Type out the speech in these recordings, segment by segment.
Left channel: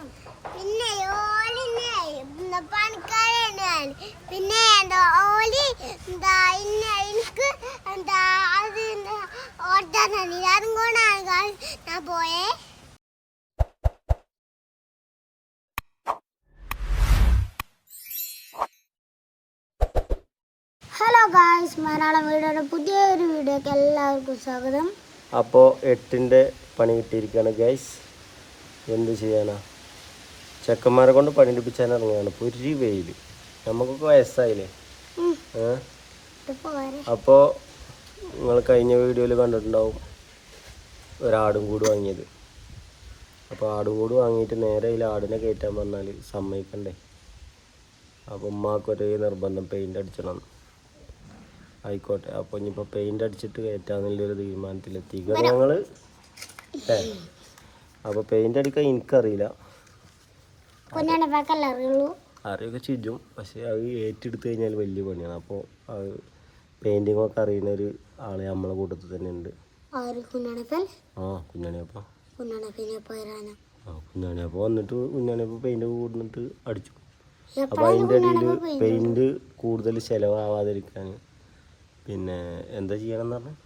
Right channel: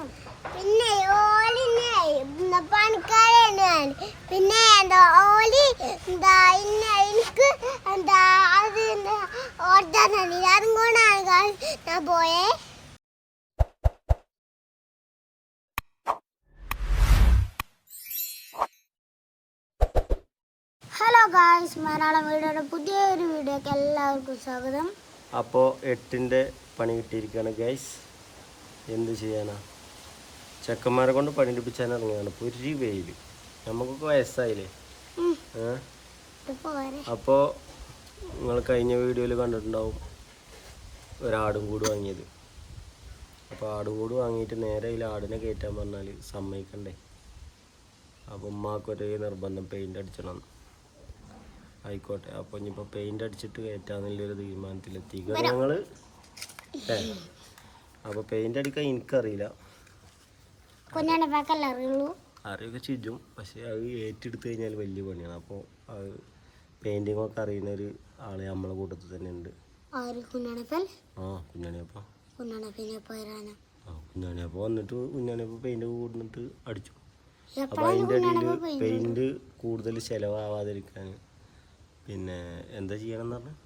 പിന്നെ ഓലിനെ പണിക്കാരാണ്. പിന്നെ എന്താ ഓലി എന്താ എനിക്ക് എന്താ അത് ഓർത്താൻ അതും കൊണ്ടാണ് ഞാൻ പോയേ. ഹലോ ഗായ്സ്, മലയാളം വീഡിയോയുടെ പുതിയൊരു വീഡിയോക്ക് എല്ലാവർക്കും സ്വാഗതം. അപ്പോൾ 8ന്റെ പണി കിട്ടിയിരിക്കുകയാണ് ഗൈസ്. എന്ത് ചെയ്യാനാ, ചെക്കന്മാരെ കൊണ്ട് പണി എടുപ്പിച്ചാൻ ഇറങ്ങുകയാണ്. പൊരി വെയിൽ, നമുക്കൊക്കെ വയസ്സായില്ലേ. അപ്പോൾ നിങ്ങൾ കഴിഞ്ഞ വീഡിയോയിൽ കണ്ടിട്ടുണ്ടാവും ഒരാടും കൂട് വാങ്ങിയത്. അപ്പോൾ ആടും കൂട് വാങ്ങിയിട്ട് നേരെ അതിൽ ആടിനെ കയറ്റാൻ പറഞ്ഞാൽ സമ്മതിക്കണ്ടേ. അപ്പോൾ ഉമ്മാക്കൊരേ നിർബന്ധം പെയിൻ്റ് അടിച്ചണം. ആയിക്കോട്ടെ, അപ്പോൾ ഇനിയിപ്പോൾ പെയിൻ്റ് അടിച്ചിട്ട് കയറ്റാന്നുള്ളൊരു തീരുമാനത്തിലെത്തിക്കണം ഞങ്ങൾ. അപ്പോൾ പെയിൻ്റ് അടിക്കാൻ എനിക്കറിയില്ല, അറിയൊക്കെ ചിജും. പക്ഷേ അത് ഏറ്റെടുത്ത് കഴിഞ്ഞാൽ വലിയ പണിയാണ്. അപ്പോൾ അത് പെയിൻറ്റിങ്ങൊക്കെ അറിയുന്ന ഒരു ആള് നമ്മളെ കൂട്ടത്തിൽ തന്നെ ഉണ്ട്. കുഞ്ഞാണിയപ്പോൾ വന്നിട്ട് കുഞ്ഞാണിയപ്പോൾ പെയിൻ്റ് കൂടുന്നിട്ട് അടിച്ചു. അപ്പോൾ അതിൻ്റെ ഇടയിൽ പെയിൻറ്റ് കൂടുതൽ ചിലവാകാതിരിക്കാൻ പിന്നെ എന്താ ചെയ്യണമെന്ന് പറഞ്ഞാൽ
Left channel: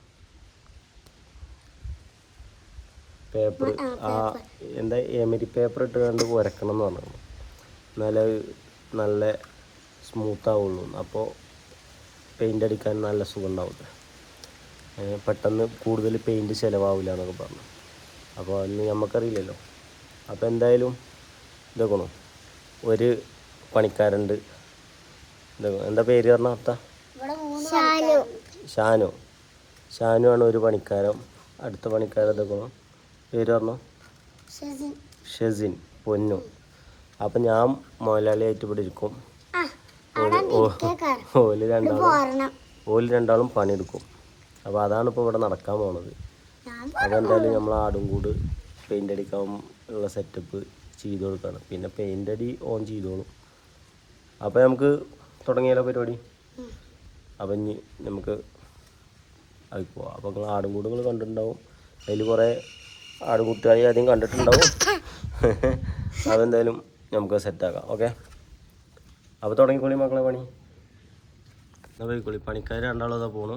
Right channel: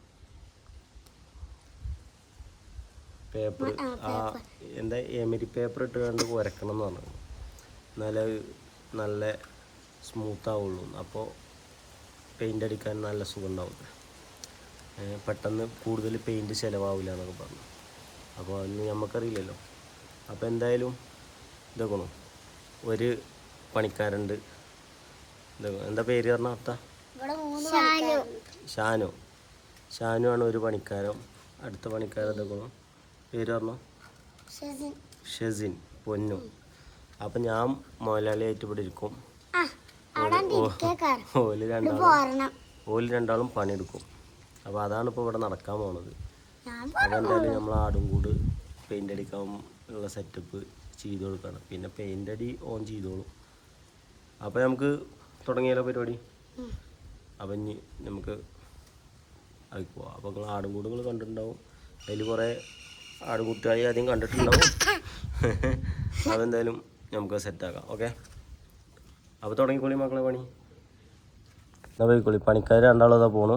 പേപ്പർ എന്താ എമരി പേപ്പർ ഇട്ട് കണ്ട് ഉരക്കണം എന്ന് പറഞ്ഞു. എന്നാലേ നല്ല സ്മൂത്താവുള്ളൂ. അപ്പോൾ പെയിൻ്റ് അടിക്കാൻ നല്ല സുഖം ഉണ്ടാവില്ല, പെട്ടെന്ന് കൂടുതൽ പെയിൻറ്റ് ചിലവാവില്ല എന്നൊക്കെ പറഞ്ഞു. അപ്പോൾ അന്ന് നമുക്കറിയില്ലല്ലോ. അപ്പോൾ എന്തായാലും ഇതൊക്കെ ഒരു പണിക്കാരുണ്ട്. എന്താ പേര് പറഞ്ഞ അത്ത? ഷാനു ആണ് ഒരു പണിക്കാരൻ. അടുത്ത പണിക്കാരൻ ഇതൊക്കെ പേര് പറഞ്ഞു ഷെസിൻ, പൊന്നു. അപ്പം ഞാൻ മുതലാളിയായിട്ട് ഇവിടെ ഇരിക്കും. ഓല് രണ്ടാളും പണിയെടുക്കും. അപ്പോൾ അതാണ് ഇപ്പോൾ ഇവിടെ നടക്കാൻ പോണത്. അതെന്തായാലും നമ്മൾ ആടും കൂട് പെയിൻ്റ് അടിക്കാൻ ഉള്ള സെറ്റപ്പ് ചെയ്ത് കൊടുക്കുകയാണ്. പിന്നെ പെയിൻ്റ് അടി ഓൺ ചെയ്തോളും. അപ്പോൾ നമുക്ക് തുടങ്ങിയാലോ പരിപാടി. അപ്പം ഇനി നമുക്ക് അതിൽ പോവാം. അപ്പോൾ നിങ്ങൾ ആടും കൂട് നിങ്ങൾ കണ്ടിട്ടുണ്ടാവും. അതിൽ കുറേ ആടുകുട്ടികളെ ആദ്യം കണ്ടിട്ടുണ്ടാവും. അതെന്തായാലും നമുക്ക് സെറ്റാക്കാം. ഓക്കെ, അപ്പോൾ തുടങ്ങിക്കോളി മക്കളെ പണി. എന്നാ പോയിക്കോളി. പണിക്കാർ രണ്ടാളും അതാ പോണു.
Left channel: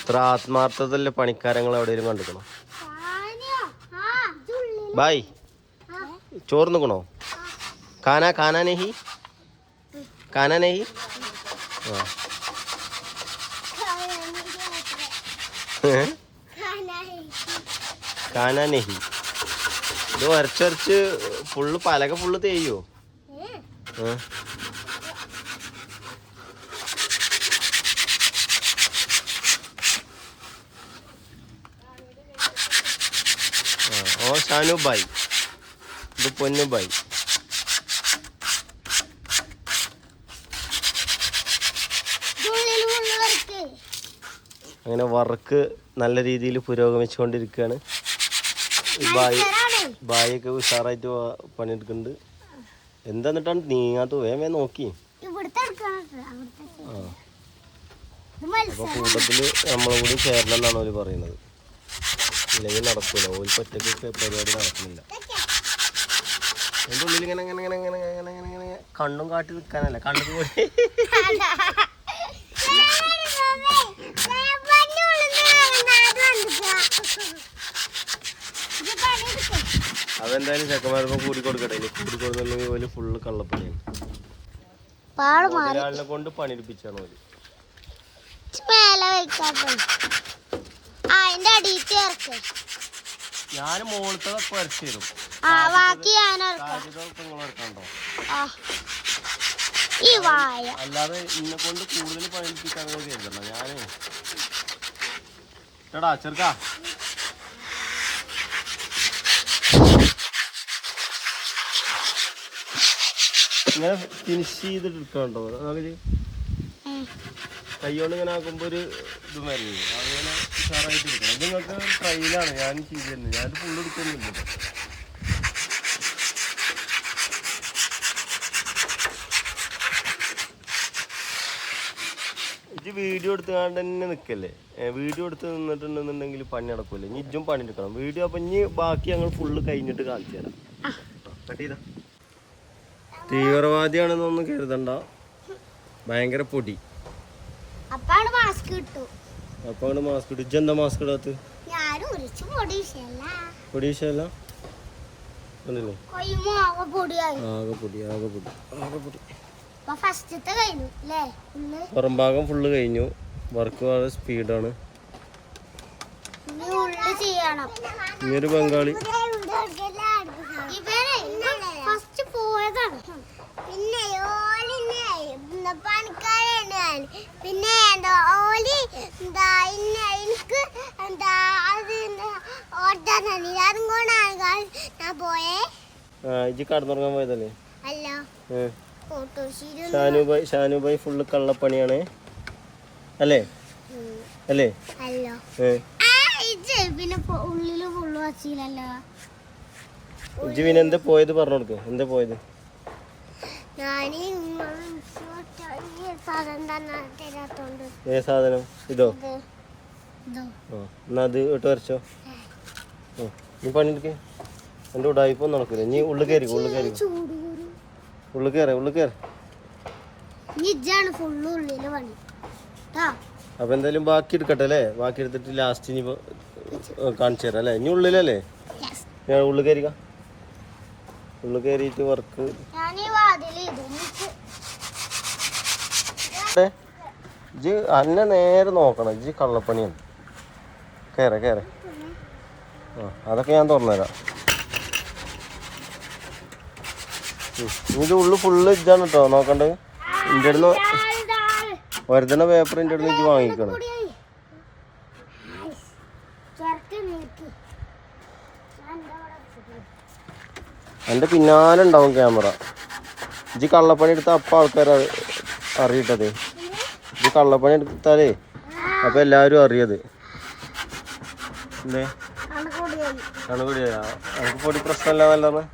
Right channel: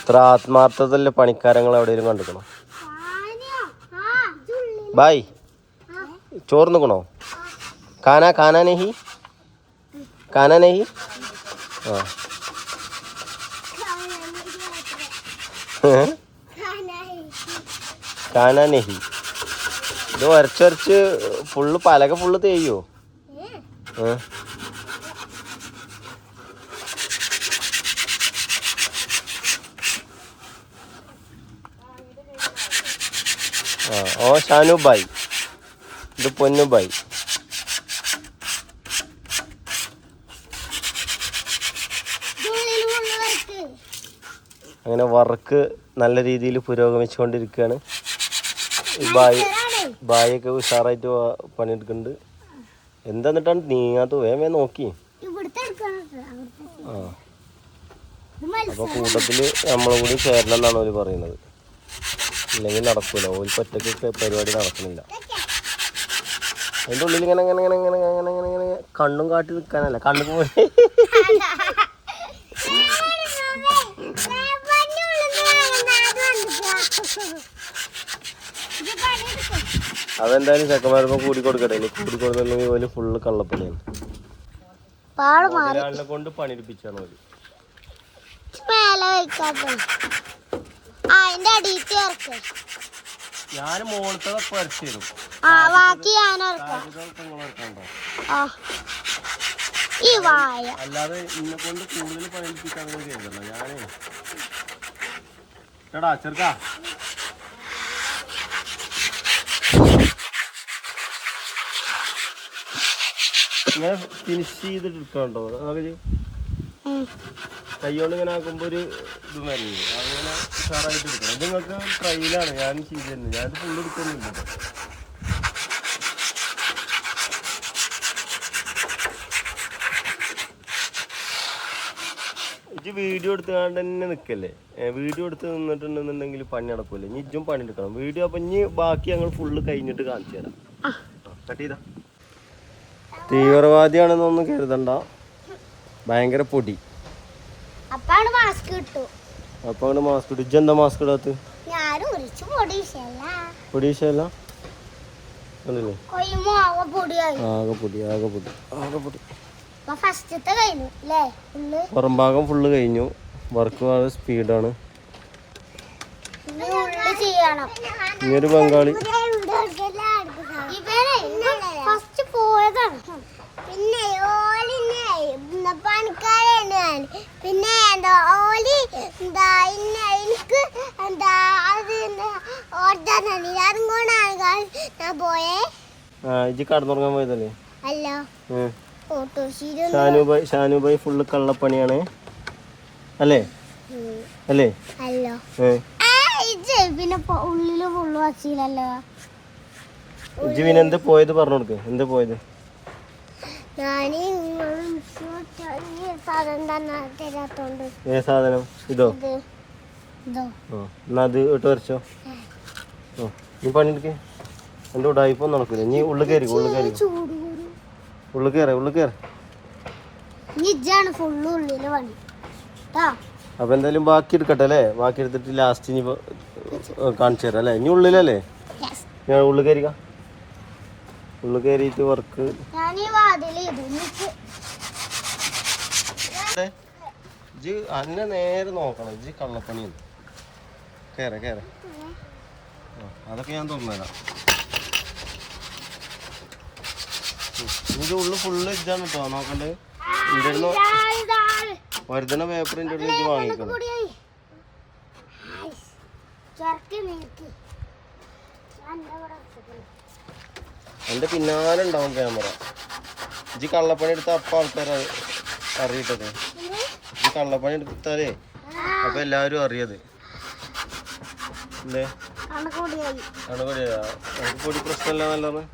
ഇത്ര ആത്മാർത്ഥതല്ലേ പണിക്കാരങ്ങൾ എവിടെയും കണ്ടിക്കണോ? ബായ് ചോറ് നിൽക്കണോ? കാനാ നെഹി ആ കാനാ നെഹി. ഇത് വരച്ചരച്ച് ഫുള്ള് പലക ഫുള്ള് തേയോ? ഓ ഷാനു ബായ്, ഇത് പൊന്നു ബായ്. അങ്ങനെ വർക്ക് നല്ല രീതിയിൽ പുരോഗമിച്ചുകൊണ്ടിരിക്കുകയാണ്. ബായൊക്കെ ഉഷാറായിട്ട് പണിയെടുക്കുന്നുണ്ട്. എന്താന്നിട്ടാണ് നീങ്ങാത്ത? വേഗം നോക്കി. ആ, അപ്പോൾ കൂട്ടത്തിൽ നമ്മളും കൂടി ചേരണം എന്നാണ് അവർ പറയുന്നത്. ഇല്ലെങ്കിൽ നടക്കൂല. ഓർക്ക് ഒറ്റയ്ക്ക് പരിപാടി നടക്കുന്നില്ല. അതിൻ്റെ ഉള്ളിൽ ഇങ്ങനെ ഇങ്ങനെ ഇങ്ങനെ ഇങ്ങനെ ഇങ്ങനെ ഇങ്ങനെ ഇങ്ങനെ കണ്ണും കാട്ടി നിൽക്കാനല്ല, കണ്ണും പോയി. അതെന്തായാലും ചെക്കന്മാരിപ്പോ കൂടി കൊടുക്കട്ടെ. ഇനി കൂടി കൊടുക്കുന്നില്ലെങ്കിൽ ഓല് ഫുള്ള് കള്ളപ്പണിയാണ്. ഒരാളിനെ കൊണ്ട് പണിയെടുപ്പിച്ചാണ് ഓല്. ഞാൻ മോളത്തൊക്കെ വരച്ചു തരും. അല്ലാതെ ഇന്നെ കൊണ്ട് കൂടുതൽ പണിയെടുപ്പിക്കാൻ ചെയ്തല്ലോ ഞാന്. ചേട്ടാ ചെറുക്കാ, ഇങ്ങനെ ഫിനിഷ് ചെയ്തിട്ട് എടുക്കണ്ടോ? അതൊക്കെ കൈകൊണ്ട് ഇങ്ങനെ ആക്കുമ്പോൾ ഒരു ഇത് മരുന്നില്ല. അങ്ങനെ ഉഷാറായിട്ട് എടുക്കണം. ഇത് നിങ്ങൾക്ക് ട്രയലാണ് ഞാൻ ചെയ്ത് തരുന്നത്. ഞാനിത് ഫുള്ള് എടുക്കൊന്നുമില്ല. ഇജ്ജ് വീഡിയോ എടുത്തുകൊണ്ട് തന്നെ നിൽക്കല്ലേ. വീഡിയോ എടുത്ത് നിന്നിട്ടുണ്ടെന്നുണ്ടെങ്കിൽ പണി നടക്കൂല്ലേ. ഇനി ഇജ്ജും പണി എടുക്കണം വീഡിയോ. അപ്പം ഇനി ബാക്കി ഞങ്ങൾ ഫുള്ള് കഴിഞ്ഞിട്ട് കാണിച്ചു തരാം. കട്ട് ചെയ്താ. തീവ്രവാദിയാണെന്നൊന്നും കരുതണ്ട, ഭയങ്കര പൊടി. അപ്പാണ് മാസ്ക് കിട്ടും. അപ്പൊ അങ്ങോട്ട് മാസ്ക് ഇട്ടു. ഇജ്ജെന്താ മാസ്ക് ഇടാത്ത? പൊടി വിഷയല്ല. കണ്ടില്ലേ ആകെ പൊടി ആകെ പൊടി ആകെ പൊടി. പുറം ഭാഗം ഫുള്ള് കഴിഞ്ഞു. വർക്ക് വളരെ സ്പീഡാണ്. ഇനിയൊരു ബംഗാളി ഫസ്റ്റ് പോയതാണ്. പിന്നെ പണിക്കാരാണ്. പിന്നെ ഓലി എന്താ എനിക്ക് എന്താ അത് ഓർത്താനാണ്. അതും കൊണ്ടാണ് ഞാൻ പോയേ. ഇജ്ജ് കടന്നുറങ്ങാൻ പോയതല്ലേ? അല്ല, ഷാനുഭായി ഫുള്ള് കള്ളപ്പണിയാണ് അല്ലേ? അല്ലേ? അല്ലോ. പിന്നെ ഉള്ളില് ഫുള്ള് വച്ചില്ലല്ലോ. ഇജ്ജ് പിന്നെ എന്താ പോയത് പറഞ്ഞു കൊടുക്ക്. എന്താ പോയത്? ഏ സാധനം? ഇതോ? എന്നാ അത് ഇട്ട് വരച്ചോ. നീ പണിയെടുക്ക്. എന്റെ ഉടായിപ്പോ നടക്കില്ല. നീ ഉള്ളിൽ കയറി അപ്പൊ എന്തായാലും ബാക്കി എടുക്കട്ടെ അല്ലേ? ബാക്കി എടുത്തിട്ട് ലാസ്റ്റ് ഇനി കാണിച്ചു തരാം അല്ലേ? ഇനി ഉള്ളിലല്ലേ? ഞാൻ ഉള്ളിൽ കയറിക്കാം. ഉള്ളിൽ കയറിയിട്ട് വർക്ക് ഇജ്ജ് അന്നെ നേരെ നോക്കണം. ഇജ്ജ് കള്ളപ്പണിയാണ്. കേറെ അതൊക്കെ ഞാൻ തുറന്നുതരാം. ഇതിന്റെ ഉള്ളു ഫുള്ള് ഇതാണ് കേട്ടോ നോക്കണ്ടത്. ഇന്റെ അടുന്ന് വരുന്ന പേപ്പർ ഇന്റെ അടുത്ത് എനിക്ക് വാങ്ങിക്കണം. എന്റെ പിന്നാലെ ഉണ്ടാവും ക്യാമറ. ഇജ്ജ് കള്ളപ്പണി എടുത്ത അപ്പൊ ആൾക്കാർ അറിയിട്ടത്. ഇജ്ജ് കള്ളപ്പണി എടുത്താലേ അപ്പൊ എല്ലാരും അറിയത്. എന്തേ കണ്ണുകൂടിയാ? നമുക്ക് പൊടി പ്രശ്നമല്ല വല്ലാതെ.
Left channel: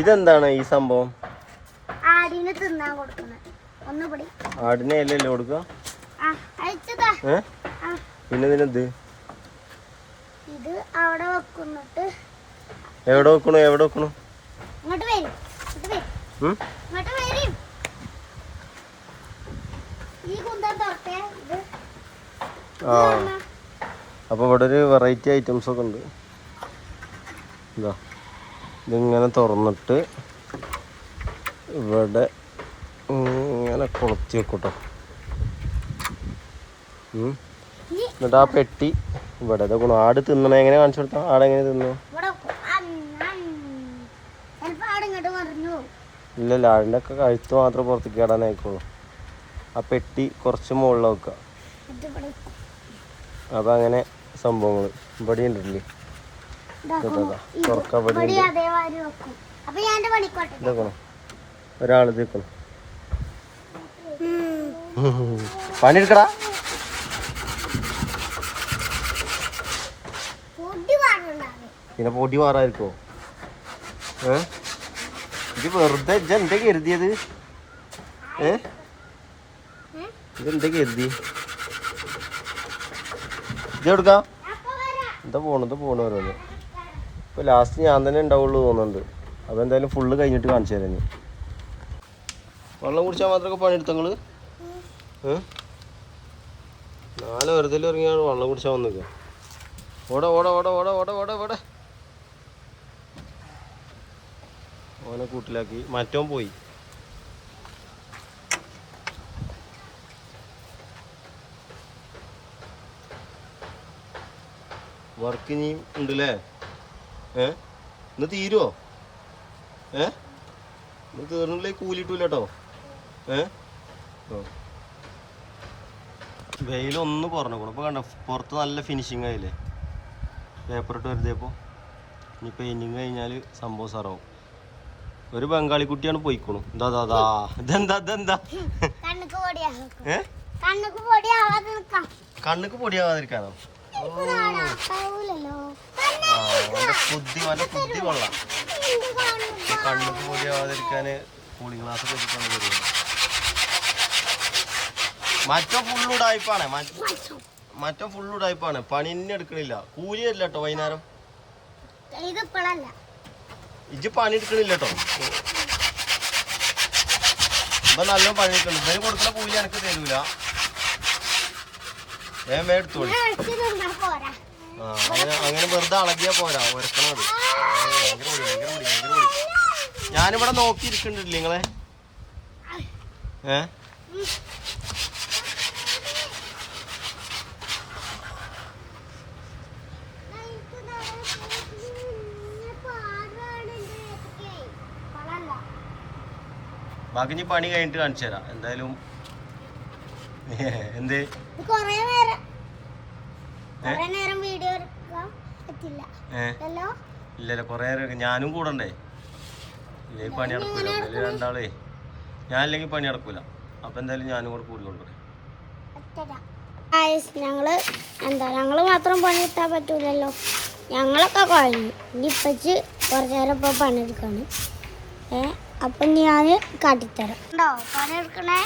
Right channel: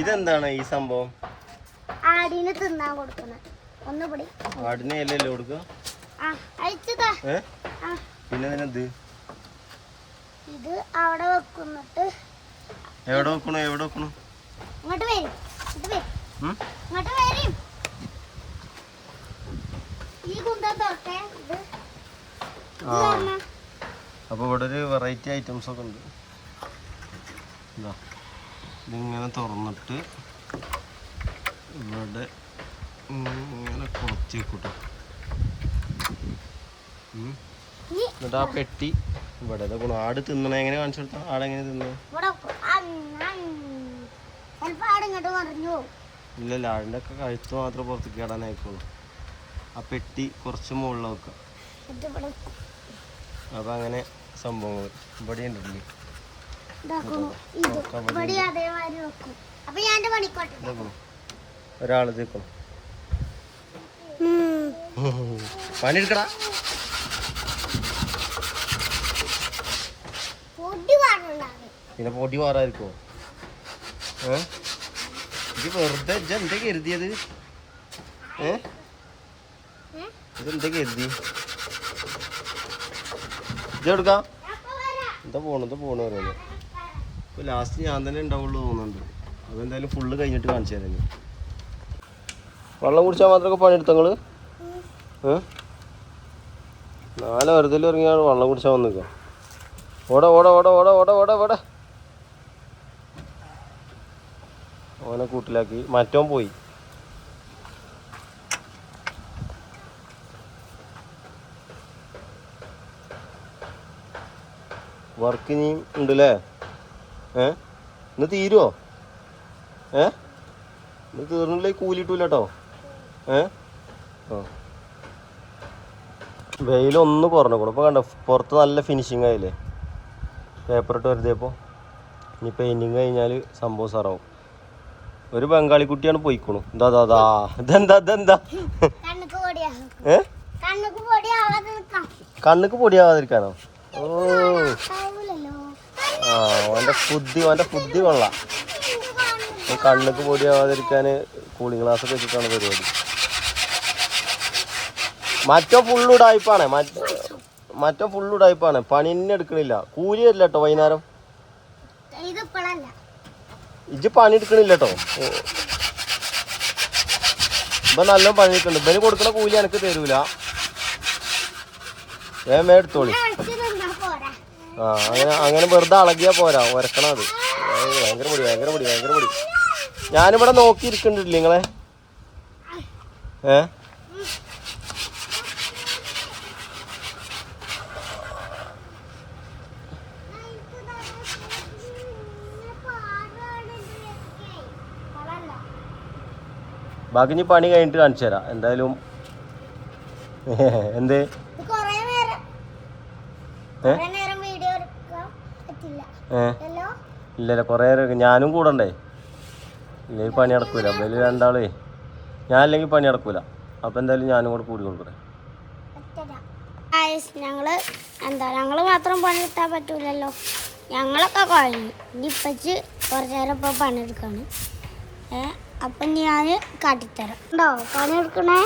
ഇതെന്താണ് ഈ സംഭവം? ആടിനെ തിന്നാൻ കൊടുക്കുന്നത്. ആടിനെ അല്ലല്ലോ കൊടുക്ക. പിന്നെ ഇതിനെന്ത്? ഇത് അവിടെ വെക്കുന്നിട്ട്. എവിടെ വെക്കണു? ഇങ്ങോട്ട് വരും. ഈ കുന്തം തൊട്ടേ ഇത്. അപ്പൊ ഇവിടെ ഒരു വെറൈറ്റി ഐറ്റംസ് ഒക്കെ ഉണ്ട്. ഇതാ ഇതിങ്ങനെ തുറന്നിട്ട് ഇവിടെ ഇങ്ങനെ കൊളുത്തി വെക്കൂട്ടോ. എന്നിട്ട് ആ പെട്ടി ഇവിടെ ഇതൊക്കെ ആട് തിന്നണ എങ്ങനെ കാണിച്ചു കൊടുത്താ? ആടെങ്ങനെ തിന്നു? ഇല്ലല്ല, ആടിൻ്റെ ഒക്കെ കഴുത്ത് മാത്രം പുറത്തേക്ക് ഇടാനായിക്കോളൂ. ആ പെട്ടി കുറച്ച് മുകളിൽ വെക്കുക. അപ്പൊ അങ്ങനെ സംഭവങ്ങൾ ഇവിടെ ഉണ്ടല്ലേ. ഒരാള് തീക്കണം. പണിയെടുക്കടാ. പിന്നെ പൊടി മാറായിരിക്കോ? ഇത് വെറുതെ എന്താ കരുതിയത്? ഇതെന്താ കരുതി? ഇത് എടുക്കാം. എന്താ പോണു ഓരോന്ന്. ഇപ്പൊ ലാസ്റ്റ് ഞാൻ തന്നെ ഉണ്ടാവുള്ളൂ തോന്നുന്നുണ്ട്. അപ്പൊ എന്തായാലും ഫുള്ള് കഴിഞ്ഞിട്ട് കാണിച്ചു തരാം. വെള്ളം കുടിച്ചാൽ മാത്രമൊക്കെ പണിയെടുത്തങ്ങള്? നാളെ വെറുതെ ഇറങ്ങിയാണ് വെള്ളം കുടിച്ചാൽ വന്നിക്കാം. ഓടെ ഓനെ കൂട്ടിലാക്കി. മറ്റോൻ പോയി. വർക്ക് ഇനിയും ഉണ്ടല്ലേ? ഇന്ന് തീരുവോ? ഇന്ന് തീർന്നില്ലേ കൂലിട്ടൂല കേട്ടോ. വെയിലൊന്ന് കുറഞ്ഞു. ഇപ്പൊ കണ്ടോ പുറത്ത് നല്ല ഫിനിഷിങ് ആയില്ലേ? പേപ്പർ ഇട്ട് വരുതേപ്പോൾ ഇനി പെയിന്റിങ് കഴിഞ്ഞാൽ സംഭവം സാറാവും. ഒരു ബംഗാളി കുട്ടിയാണ് പോയിക്കോണു. ഇതെന്താ കണ്ണുക്ക് പൊടിയാവാതിരിക്കാനോ? ഓന്റെ ബുദ്ധി കൊള്ളാം. കണ്ണുക്ക് പൊടിയാവാതിരിക്കാന് കൂളിംഗ് ഗ്ലാസ് ഒക്കെ വെച്ചിട്ടാണ് പരിപാടി. മറ്റോ ഫുള്ളുടായ്പാണ് മറ്റോ ഫുള്ളുടായ്പാണ്. പണി തന്നെ എടുക്കണില്ല. കൂലി തരില്ല കേട്ടോ. വൈകുന്നേരം ഇജ്ജ് പണി എടുക്കണില്ല കേട്ടോ. ഇപ്പൊ നല്ല പണി എടുക്കണ്ട്. ഇവന് കൊടുക്കണ കൂലി എനിക്ക് തരൂല. വേഗം എടുത്തോളി. ആ അങ്ങനെ വെറുതെ അളകിയാ പോരാ. ഉരക്കണം അത്. ഭയങ്കര പൊടി. ഞാനിവിടെ നോക്കിയിരിക്കണ്ടില്ലേ നിങ്ങളെ? ബാക്കി ഇനി പണി കഴിഞ്ഞിട്ട് കാണിച്ചു തരാം എന്തായാലും. എന്തേ ഇല്ലല്ലോ കൊറേ നേരം ഞാനും കൂടണ്ടേ? ഇല്ലെങ്കിൽ പണി നടക്കൂല. വലിയ രണ്ടാളേ ഞാൻ അല്ലെങ്കിൽ പണി നടക്കൂല. അപ്പൊ എന്തായാലും ഞാനും കൂടെ കൂടി കൊടുക്കണേ. ഞങ്ങള് മാത്രം പണിയെടുത്താൻ പറ്റൂലല്ലോ. ഞങ്ങളൊക്കെ കഴിഞ്ഞു. ഇനി ഇപ്പച്ച് കുറച്ചു നേരം ഇപ്പൊ പണിയെടുക്കാണ്. അപ്പൊ ഞാൻ കാട്ടിത്തരാം. ഉണ്ടോ പണിയെടുക്കണേ?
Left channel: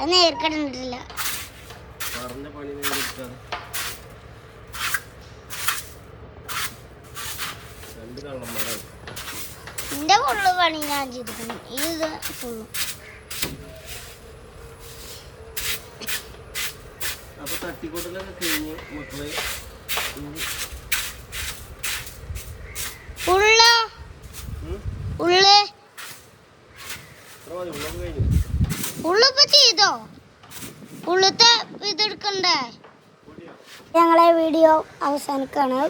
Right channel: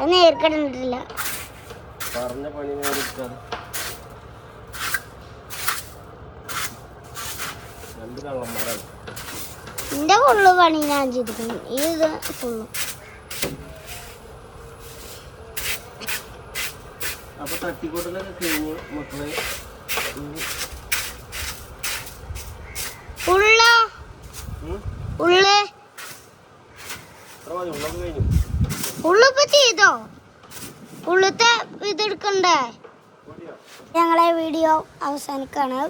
അത് നേർക്കണ്ടിട്ടില്ല. എന്റെ ഫുള്ള് പണി ഞാൻ ചെയ്തിരിക്കുന്നു. ഇത് ഫുള്ള് അപ്പൊ തട്ടിക്കൂട്ടലൊക്കെ കഴിഞ്ഞ് മക്കളെ ഉള്ളിപ്പോ ചെയ്തോ? ഉള്ളത്തെ ഇതെടുക്കണ്ടേ? ഞങ്ങളെ വീഡിയോ അവസാനിക്കാണ്.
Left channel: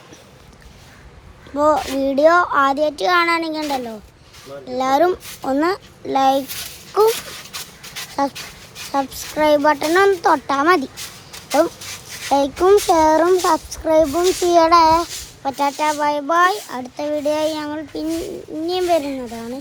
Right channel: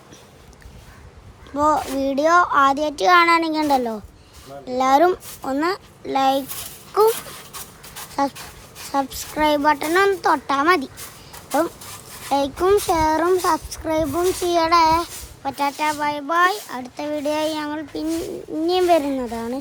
അപ്പോൾ വീഡിയോ ആദ്യമായിട്ട് കാണാനെങ്കിൽ ഉണ്ടല്ലോ എല്ലാവരും ഒന്ന് ലൈക്കും സബ്സ്ക്രൈബ് ബട്ടണും ഒന്ന് തൊട്ടാൽ മതി. അപ്പം ലൈക്കും ഷെയറും സബ്സ്ക്രൈബും ചെയ്യണേ. പറ്റാറ്റ ബൈ ബൈ. അടുത്ത വീഡിയോ ഞങ്ങൾ പിന്നെയും വരുന്നതാണ്.